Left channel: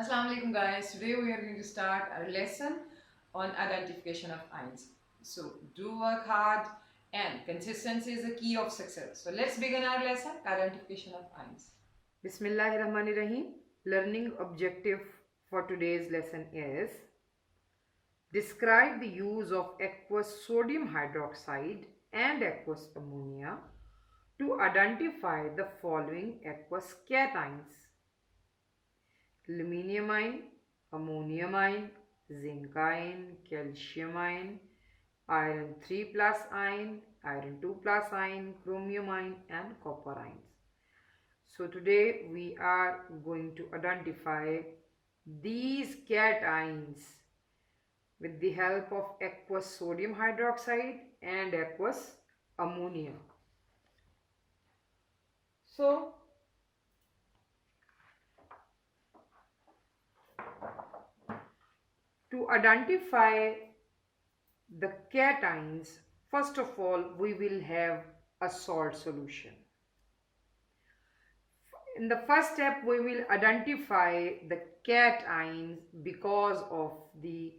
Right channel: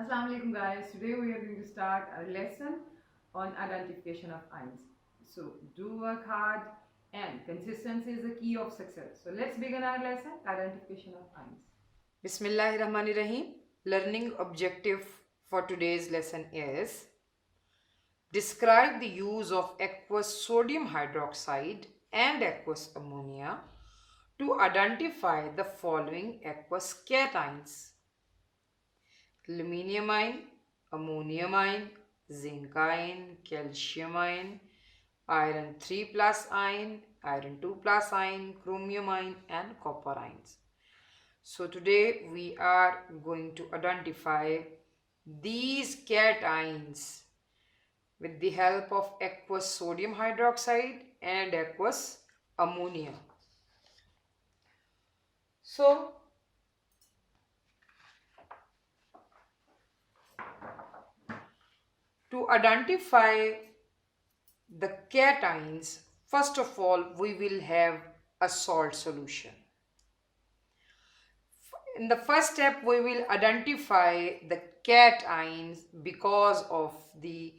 Assalamu alaikum guys. Today we are going to start our lesson on identification of ions. So do work hard and consistency is the key of success. So let's begin our lesson, identification of ions. Bismillahirrahmanirrahim. Learning objective for today's lesson is describe the use of aqueous sodium hydroxide and aqueous ammonia to identify the following aqueous cations: aluminium ion, ammonium ion, zinc ion, calcium ion, iron 3 plus ion, iron 2 plus ion, chromium ion and copper ions. So today we are going to identify these cations with the help of aqueous sodium hydroxide and aqueous ammonia. So to identify the cations, first of all, we will have a salt solution. In the first step, we will identify the cations because of the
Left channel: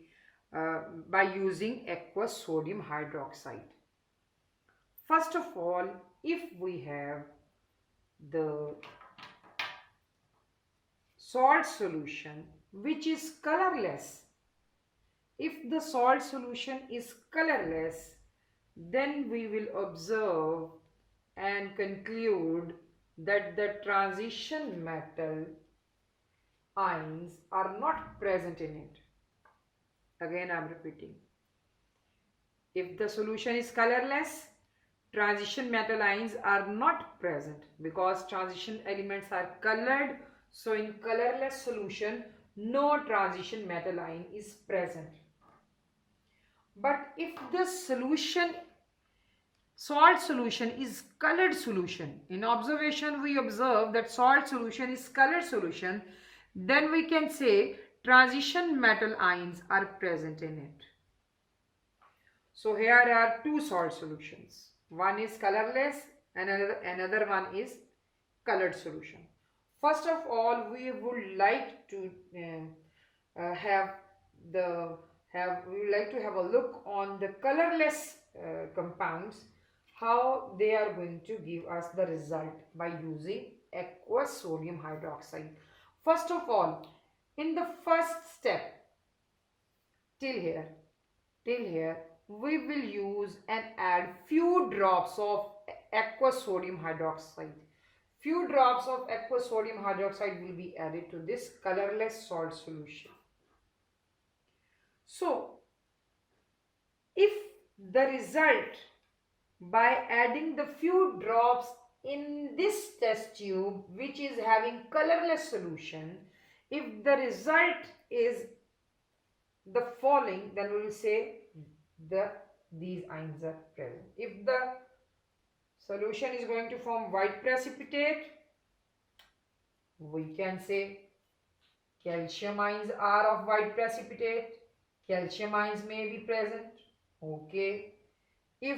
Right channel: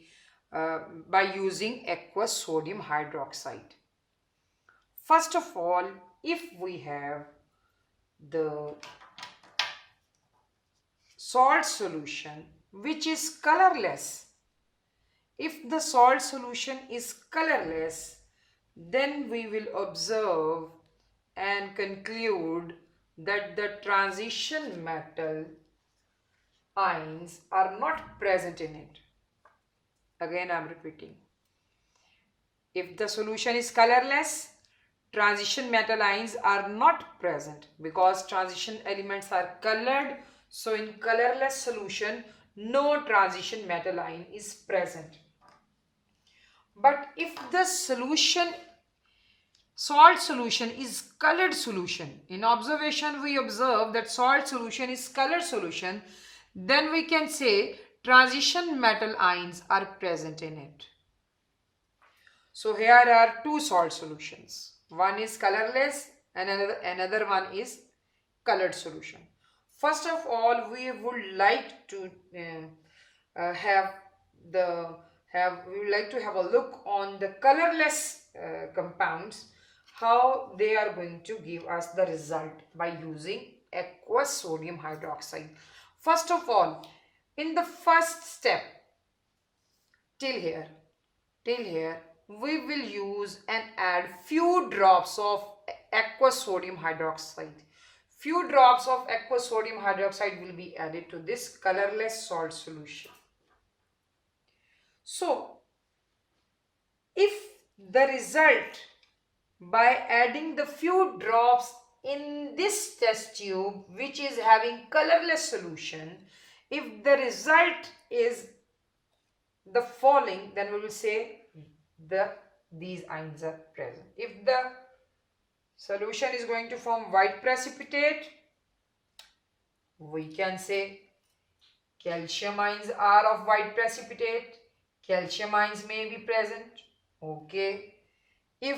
by using aqueous sodium hydroxide. First of all, if we have the salt solution which is colorless, if the salt solution is colorless, then we will observe and conclude that the transition metal ions are not present in it. Again, I am repeating. If the solution is colorless, transition metal ions are not present because transition elements are colored. So in colorless solution, no transition metal ion is present. But if the salt solution is colored solution, in observation we observe that salt solution is colored solution, then we can say transition metal ions are present in it. So here are two salt solutions. One is colorless and another one is colored solution. First of all, we would like to have a look on the colorless compounds, how they are going to give us the result by using aqueous sodium hydroxide. First of all, in the first step, till here, we will use and add few drops of aqueous sodium hydroxide. Few drops of aqueous sodium hydroxide will be added to this colorless salt solution. So, if the result by adding the few drops in this test tube which is having colorless solution, if the result is the following, then we will say these ions are present. If the solution is going to form white precipitate, we can say calcium ions are of white precipitate. Calcium ions may be present. Okay. If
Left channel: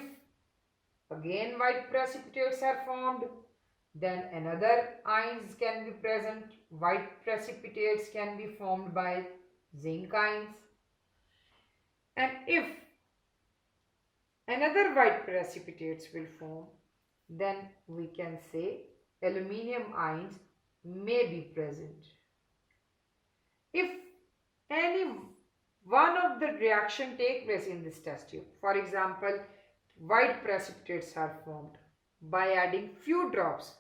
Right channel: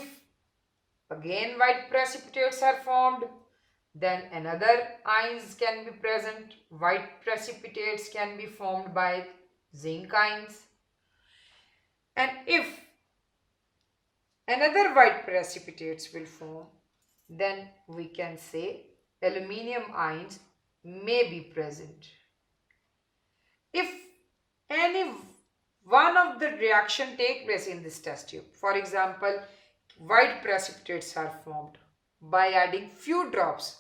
again white precipitates are formed, then another ions can be present. White precipitates can be formed by zinc ions. And if another white precipitates will form, then we can say aluminium ions may be present. If any one of the reaction take place in this test tube, for example, white precipitates are formed by adding few drops,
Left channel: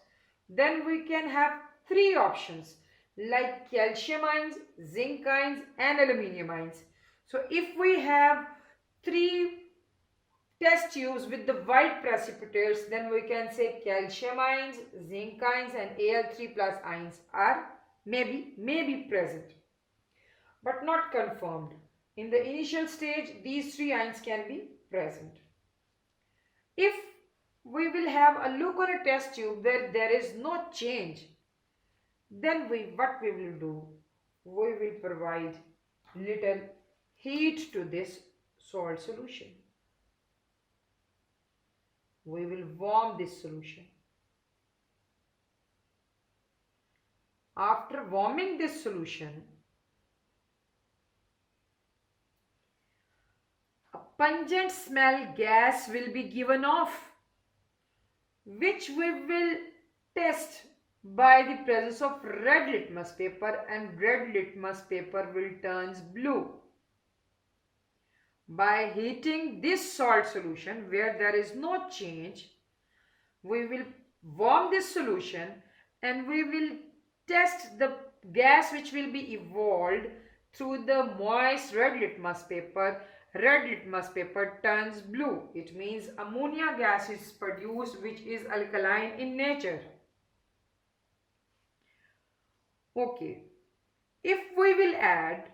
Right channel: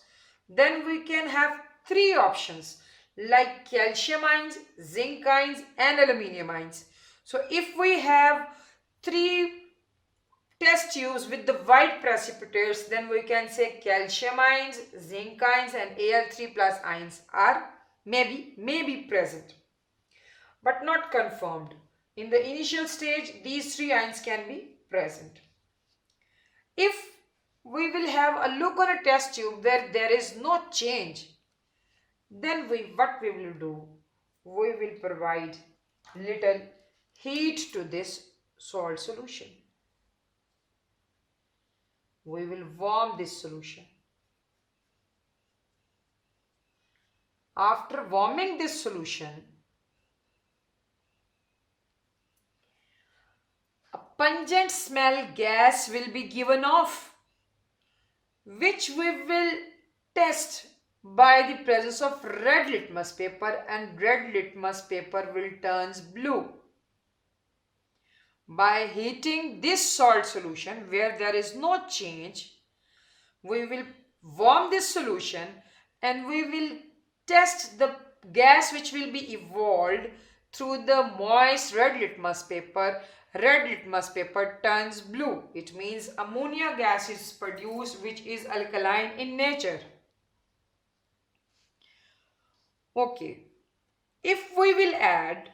then we can have three options like calcium ions, zinc ions and aluminium ions. So if we have three test tubes with the white precipitates, then we can say calcium ions, zinc ions and Al3 plus ions are may be present but not confirmed. In the initial stage, these three ions can be present. If we will have a look on a test tube where there is no change, then what we will do? We will provide little heat to this salt solution. We will warm this solution. After warming this solution, pungent smell gas will be given off, which we will test by the presence of red litmus paper, and red litmus paper will turns blue. By heating this salt solution where there is no change, we will warm this solution and we will test the gas which will be evolved through the moist red litmus paper. Red litmus paper turns blue. It means ammonia gas is produced, which is alkaline in nature. Okay, if we will add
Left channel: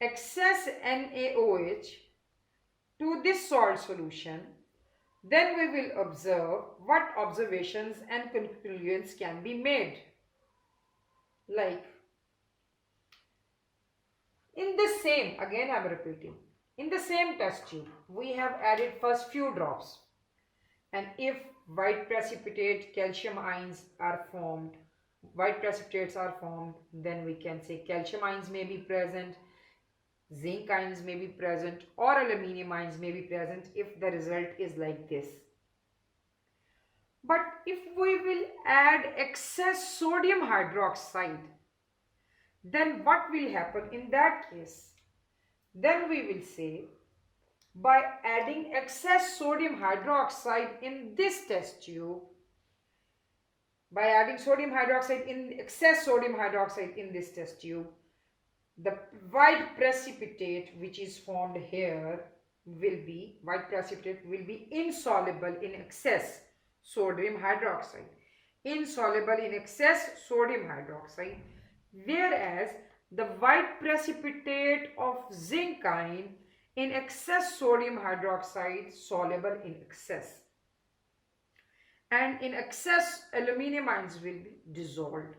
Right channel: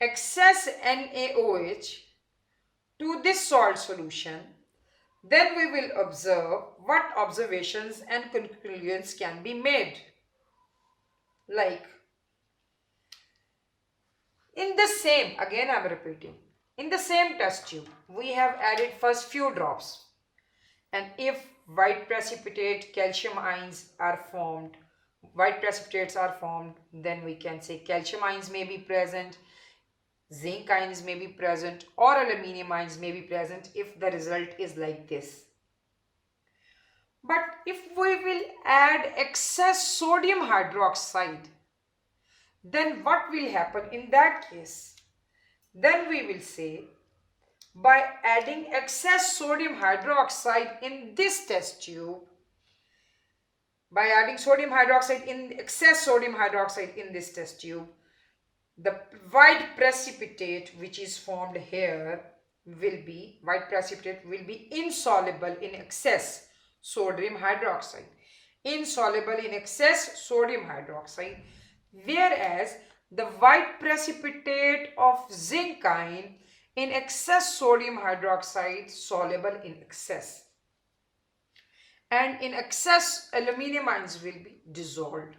excess NaOH to this salt solution, then we will observe what observations and conclusions can be made. Like, in the same, again I am repeating, in the same test tube, we have added first few drops. And if white precipitate calcium ions are formed, white precipitates are formed, then we can say calcium ions may be present, zinc ions may be present, or aluminium ions may be present if the result is like this. But if we will add excess sodium hydroxide, then what will happen in that case? Then we will say, by adding excess sodium hydroxide in this test tube, by adding excess sodium hydroxide in this test tube, the white precipitate which is formed here white precipitate will be insoluble in excess sodium hydroxide. Insoluble in excess sodium hydroxide, whereas the white precipitate of zinc ion in excess sodium hydroxide soluble in excess, and in excess aluminium ions will be dissolved,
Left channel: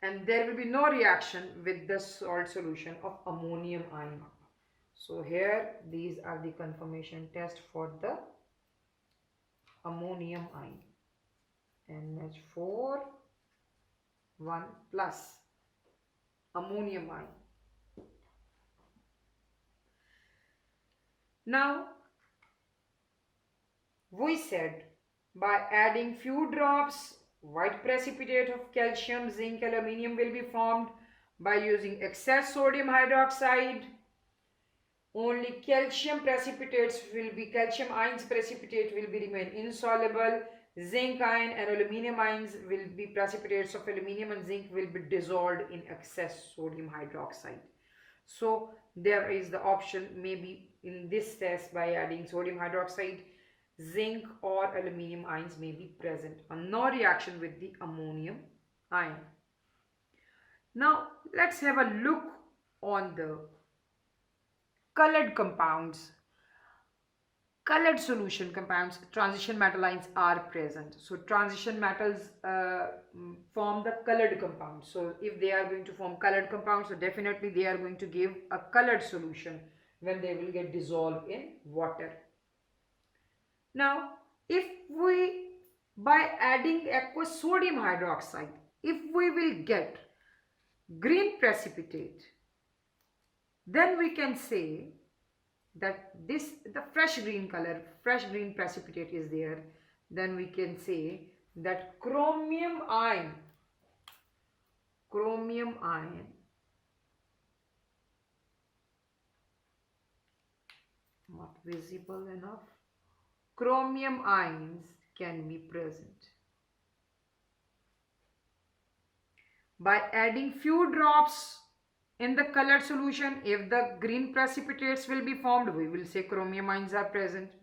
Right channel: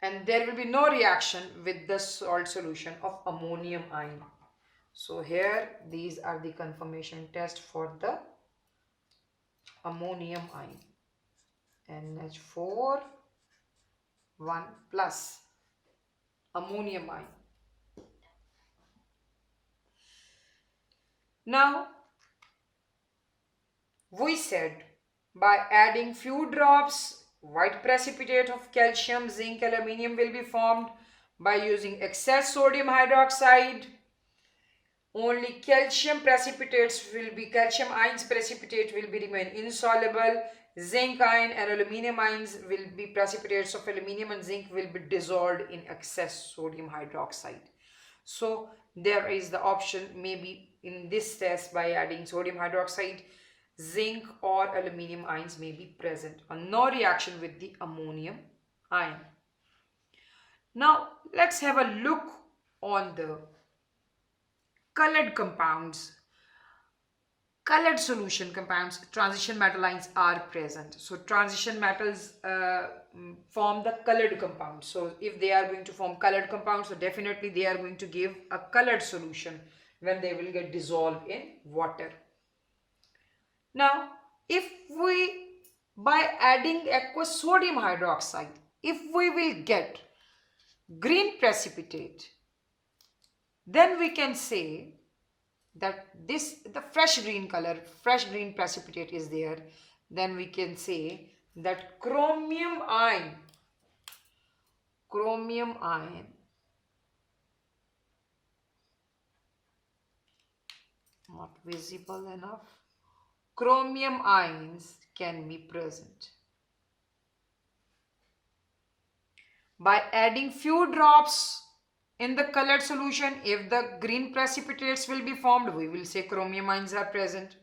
and there will be no reaction with the salt solution of ammonium ion. So here these are the confirmation tests for the ammonium ion. NH4 1 plus ammonium ion. Now we said by adding few drops white precipitate of calcium, zinc, aluminium will be formed. By using excess sodium hydroxide, only calcium ions precipitate will be remain insoluble. Zinc ion and aluminium ions will be precipitates of aluminium and zinc will be dissolved in excess sodium hydroxide. So there is the option, maybe in this test by adding sodium hydroxide, zinc or aluminium ions may be present and no reaction with the ammonium ion. Now let's have a look on the colored compounds. Colored solution compounds, transition metal ions are present. So transition metals form the colored compounds. So if they are going to form colored compounds, so definitely they are going to give a colored solution when they will get dissolved in water. Now, if we, by adding aqueous sodium hydroxide, if we will get green precipitate, then we can say that the fresh green precipitate is there. Then we can say that chromium ion not visible enough, chromium ions can be present. By adding few drops in the colored solution, if the green precipitates will be formed, we will say chromium ions are present.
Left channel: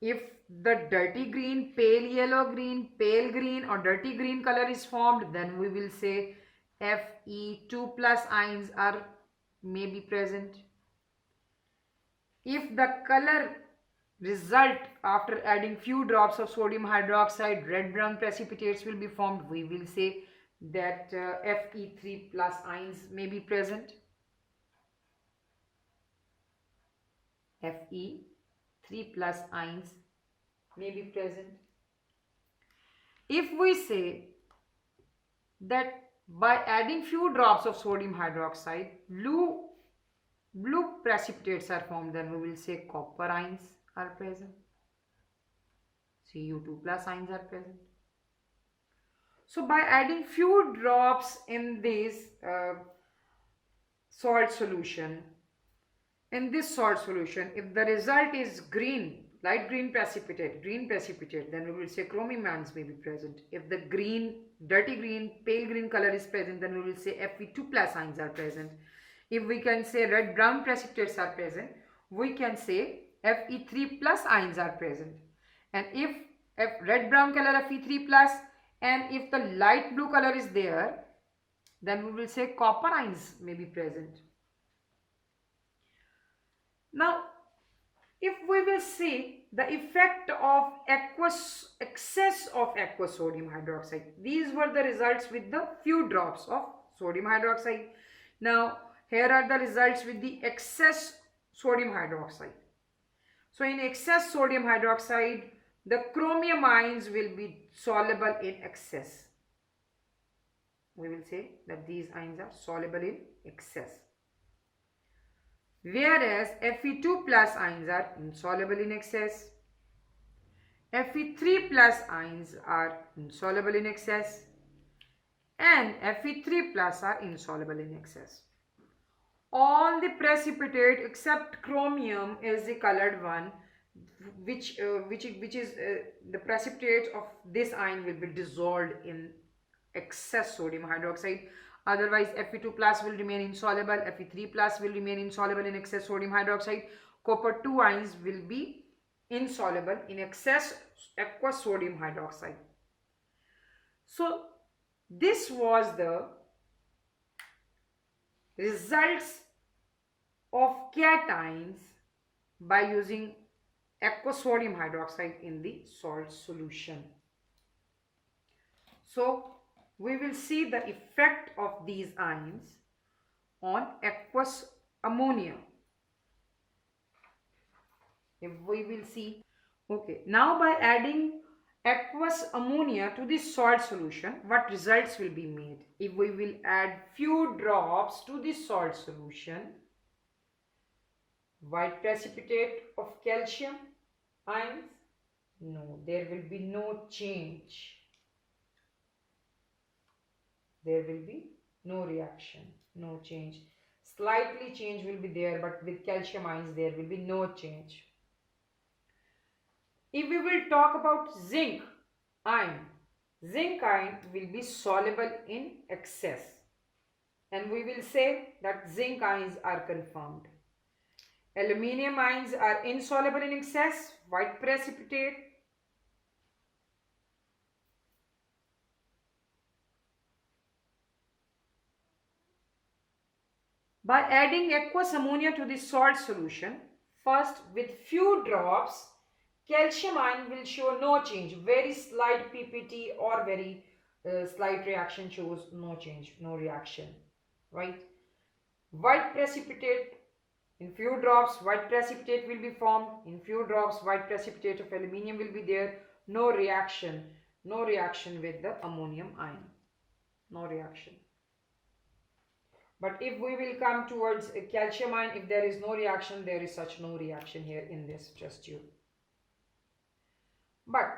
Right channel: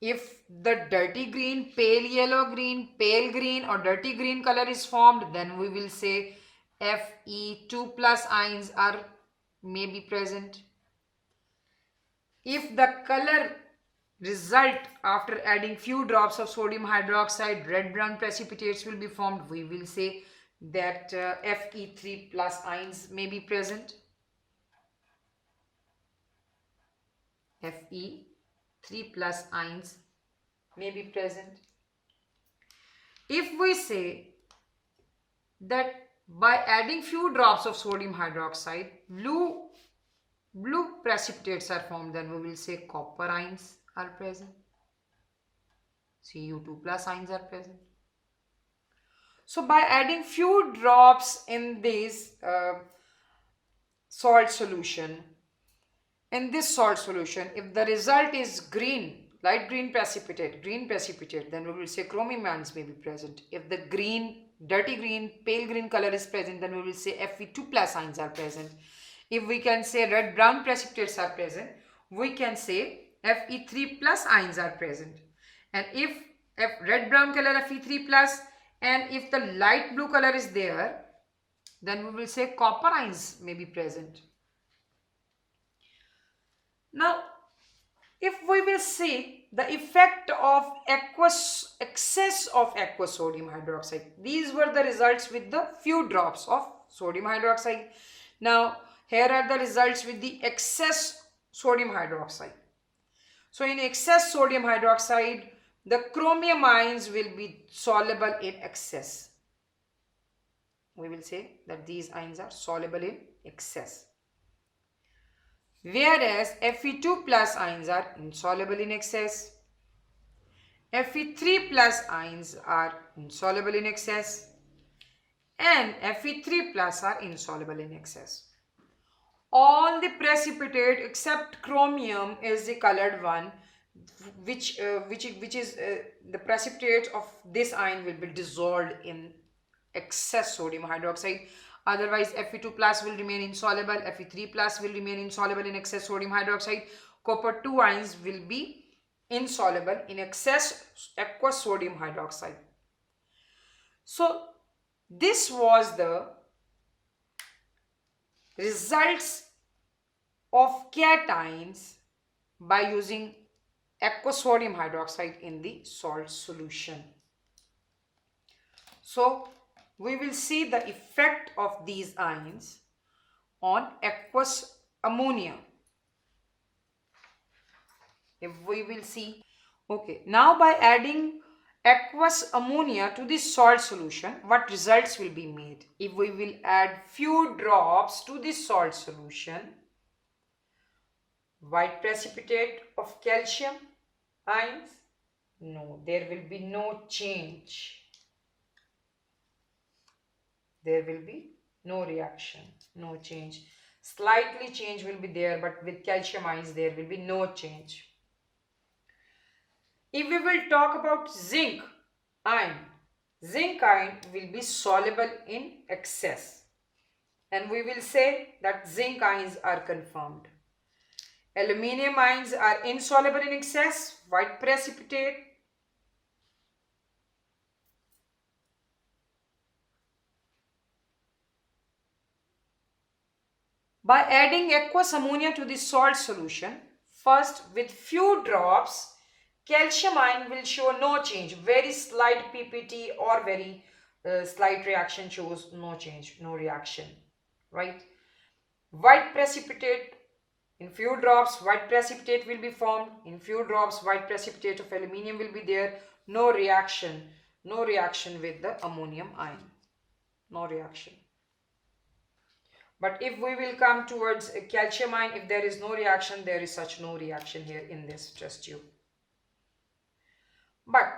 If the dirty green, pale yellow green, pale green or dirty green color is formed, then we will say Fe2 plus ions may be present. If the color result after adding few drops of sodium hydroxide, red brown precipitates will be formed, we will say that Fe3 plus ions may be present. Fe3 plus ions may be present. If we say that by adding few drops of sodium hydroxide, blue blue precipitates are formed, then we will say copper ions are present. Cu2 plus ions are present. So by adding few drops in this salt solution, if the result is green, light green precipitate, then we will say chromium ions may be present. If the green, dirty green, pale green color is present, then we will say Fe2 plus ions are present. If we can say red brown precipitates are present, we can say Fe3 plus ions are present. And if red brown color Fe3 plus, and if the light blue color is there, then we will say copper ions may be present. Now, if we will see the effect of excess of aqueous sodium hydroxide, these were the results with the few drops of sodium hydroxide. Now, here are the results with the excess sodium hydroxide. So, in excess sodium hydroxide, the chromium ions will be soluble in excess. We will say that these ions are soluble in excess. Whereas Fe2 plus ions are insoluble in excess. Fe3 plus ions are insoluble in excess. And Fe3 plus are insoluble in excess. All the precipitate except chromium is the colored one, which is the precipitate of this ion will be dissolved in excess sodium hydroxide. Otherwise, Fe2 plus will remain insoluble, Fe3 plus will remain insoluble in excess sodium hydroxide. Copper 2 ions will be insoluble in excess aqueous sodium hydroxide. So, this was the results of cations by using aqueous sodium hydroxide in the salt solution. So, we will see the effect of these ions on aqueous ammonia. If we will see, okay, now by adding aqueous ammonia to this salt solution, what results will be made? If we will add few drops to this salt solution, white precipitate of calcium ions, no, there will be no change. There will be no reaction, no change. Slightly change will be there, but with calcium ions there will be no change. If we will talk about zinc ion will be soluble in excess, and we will say that zinc ions are confirmed. Aluminium ions are insoluble in excess, white precipitate. By adding aqueous ammonia to the salt solution, first with few drops, calcium ion will show no change. Very slight PPT or very slight reaction shows no change, no reaction, right? White precipitate, in few drops, white precipitate will be formed. In few drops, white precipitate of aluminium will be there. No reaction with the ammonium ion. No reaction. But if we will come towards a calcium ion, if there is no reaction, there is such no reaction here in this test tube. But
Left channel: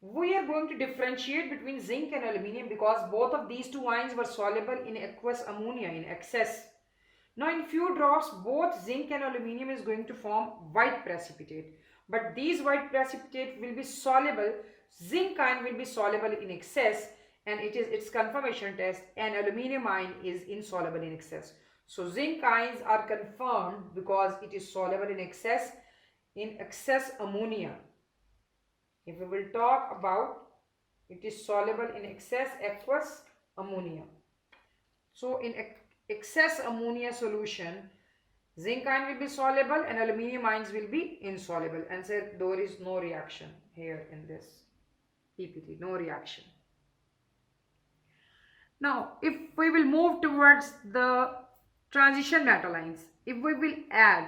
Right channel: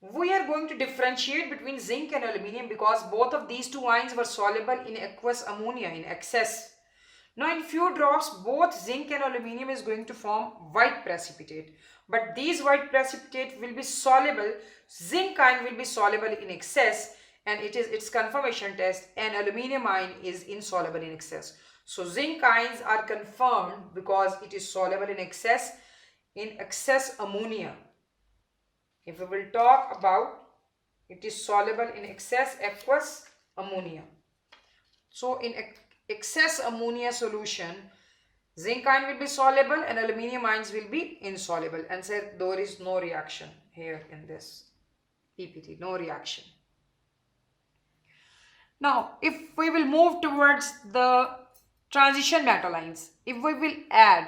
we are going to differentiate between zinc and aluminium because both of these two ions were soluble in aqueous ammonia in excess. Now in few drops, both zinc and aluminium is going to form white precipitate. But these white precipitate will be soluble. Zinc ion will be soluble in excess, and it is its confirmation test, and aluminium ion is insoluble in excess. So zinc ions are confirmed because it is soluble in excess ammonia. If we will talk about it is soluble in excess aqueous ammonia. So in excess ammonia solution, zinc ion will be soluble and aluminium ions will be insoluble, and so there is no reaction here in this PPT, no reaction. Now, if we will move towards the transition metal ions, if we will add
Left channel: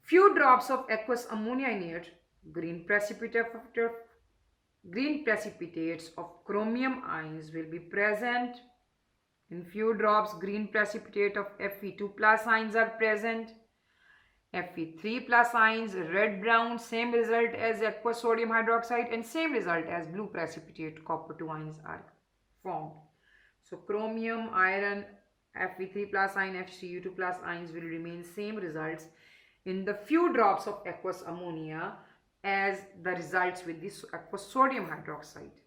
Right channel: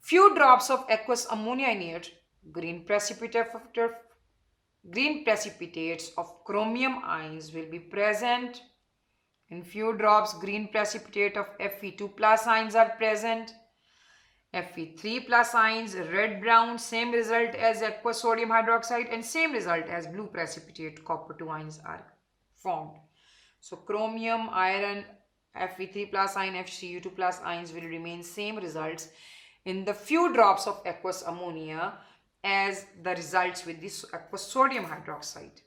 few drops of aqueous ammonia in it, green precipitates of chromium ions will be present, In few drops, green precipitate of Fe2 plus ions are present. Fe3 plus ions, red brown, same result as aqueous sodium hydroxide and same result as blue precipitate copper 2 ions are formed. So chromium, iron, Fe3 plus ion, FCU2 plus ions will remain same results in the few drops of aqueous ammonia as the results with this aqueous sodium hydroxide.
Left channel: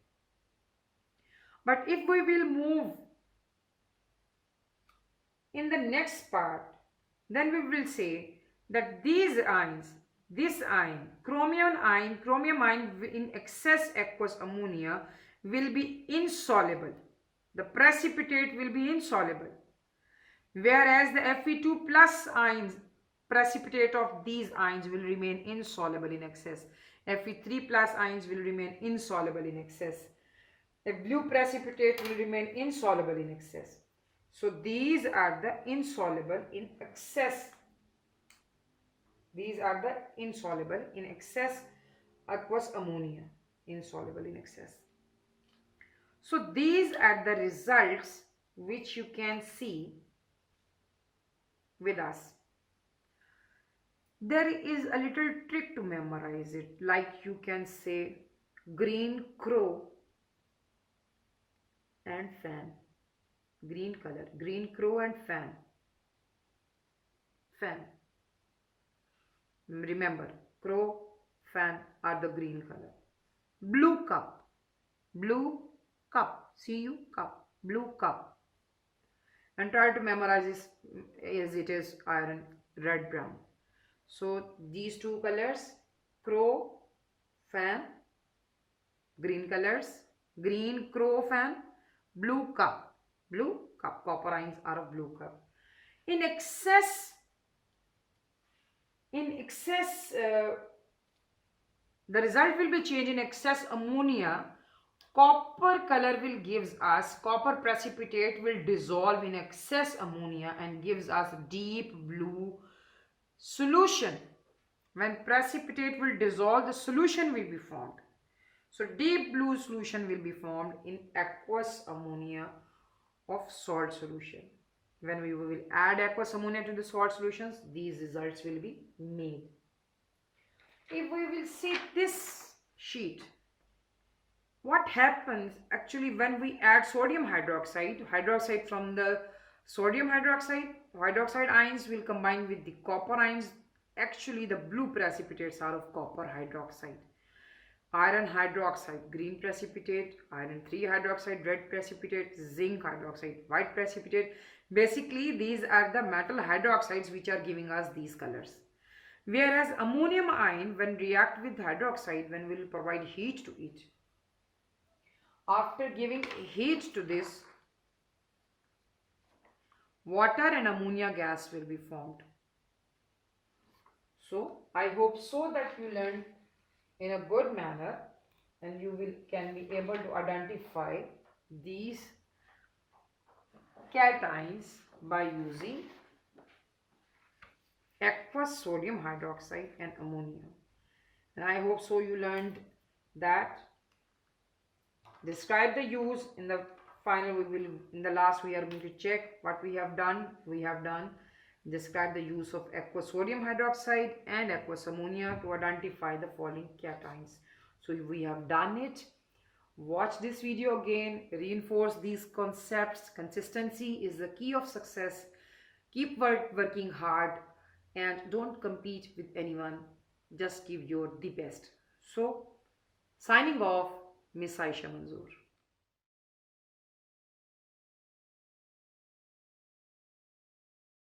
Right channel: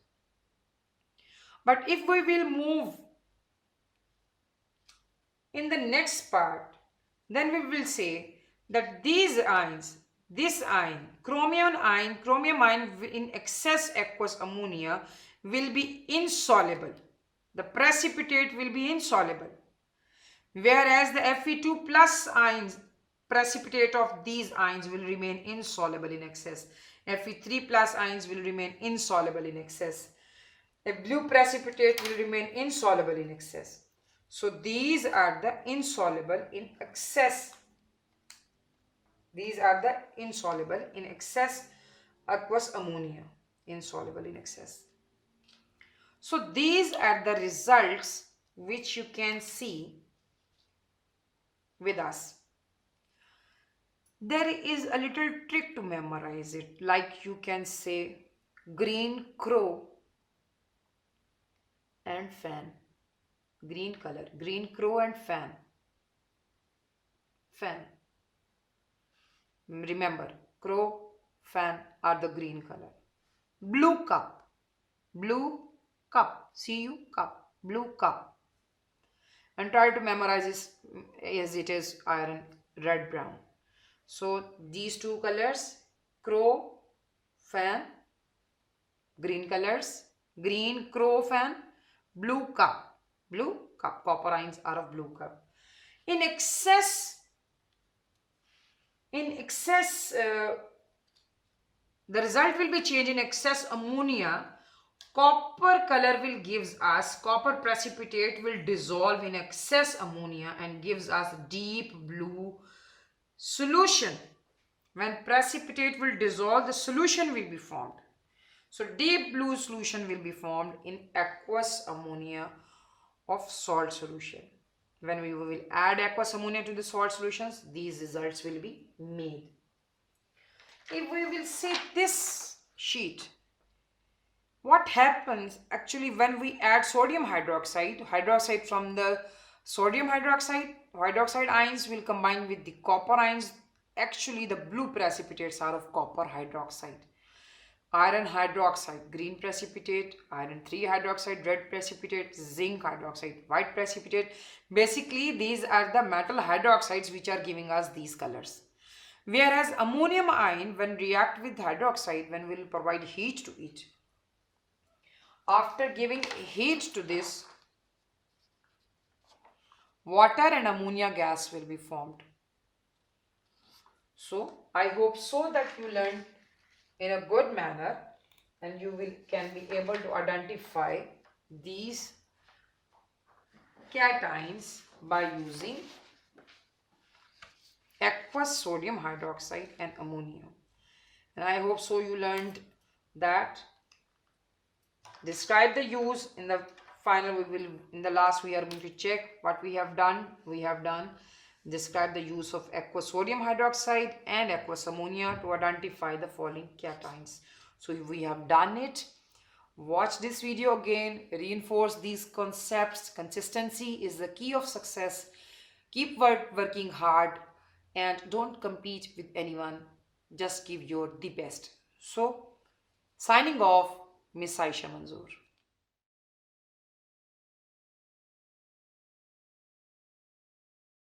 But if we will move in the next part, then we will say that these ions, this ion, chromium ion in excess aqueous ammonia will be insoluble. The precipitate will be insoluble. Whereas the Fe2 plus ions, precipitate of these ions will remain insoluble in excess. Fe3 plus ions will remain insoluble in excess. The blue precipitate will remain insoluble in excess. So these are the insoluble in excess. These are the insoluble in excess aqueous ammonia. Insoluble in excess. So these are the results which you can see with us. There is a little trick to memorize it. Like you can say green crow and fan. Green color, green crow and fan. Fan. Remember, crow, fan are the green color. Blue cup. Blue cup. CU cup. Blue cup. And try to memorize this as it is iron, red, brown. So these two colors, crow, fan, green colors, green crow fan, blue cup. Blue cup, copper ions are of blue cup. In excess, the result will be changed in excess ammonia. Copper color will gives us, copper precipitate will dissolve in excess ammonia and gives us deep blue solution. When precipitate will dissolve, the solution will be formed. So deep blue solution will be formed in aqueous ammonia of salt solution. When we will add aqueous ammonia to the salt solutions, these results will be made. If we will see this sheet, what happens actually when we add sodium hydroxide from the sodium hydroxide ions will combine with the copper ions. Actually the blue precipitates are of copper hydroxide. Iron hydroxide, green precipitate, iron 3 hydroxide, red precipitate, zinc hydroxide, white precipitate. Basically, these are the metal hydroxides which are giving us these colors. Whereas ammonium ion, when react with hydroxide, when we will provide heat to it, after giving heat to this, water and ammonia gas will be formed. So, I hope so that you learned in a good manner and you can be able to identify these cations by using aqueous sodium hydroxide and ammonia. And I hope so you learned that. Describe the use. In the final in the last we are going to check what we have done. Describe the use of aqueous sodium hydroxide and aqueous ammonia to identify the following cations. So if we have done it, watch this video again, reinforce these concepts. Consistency is the key of success. Keep working hard and don't compete with anyone. Just give your the best. So signing off, Miss Aisha Manzoor.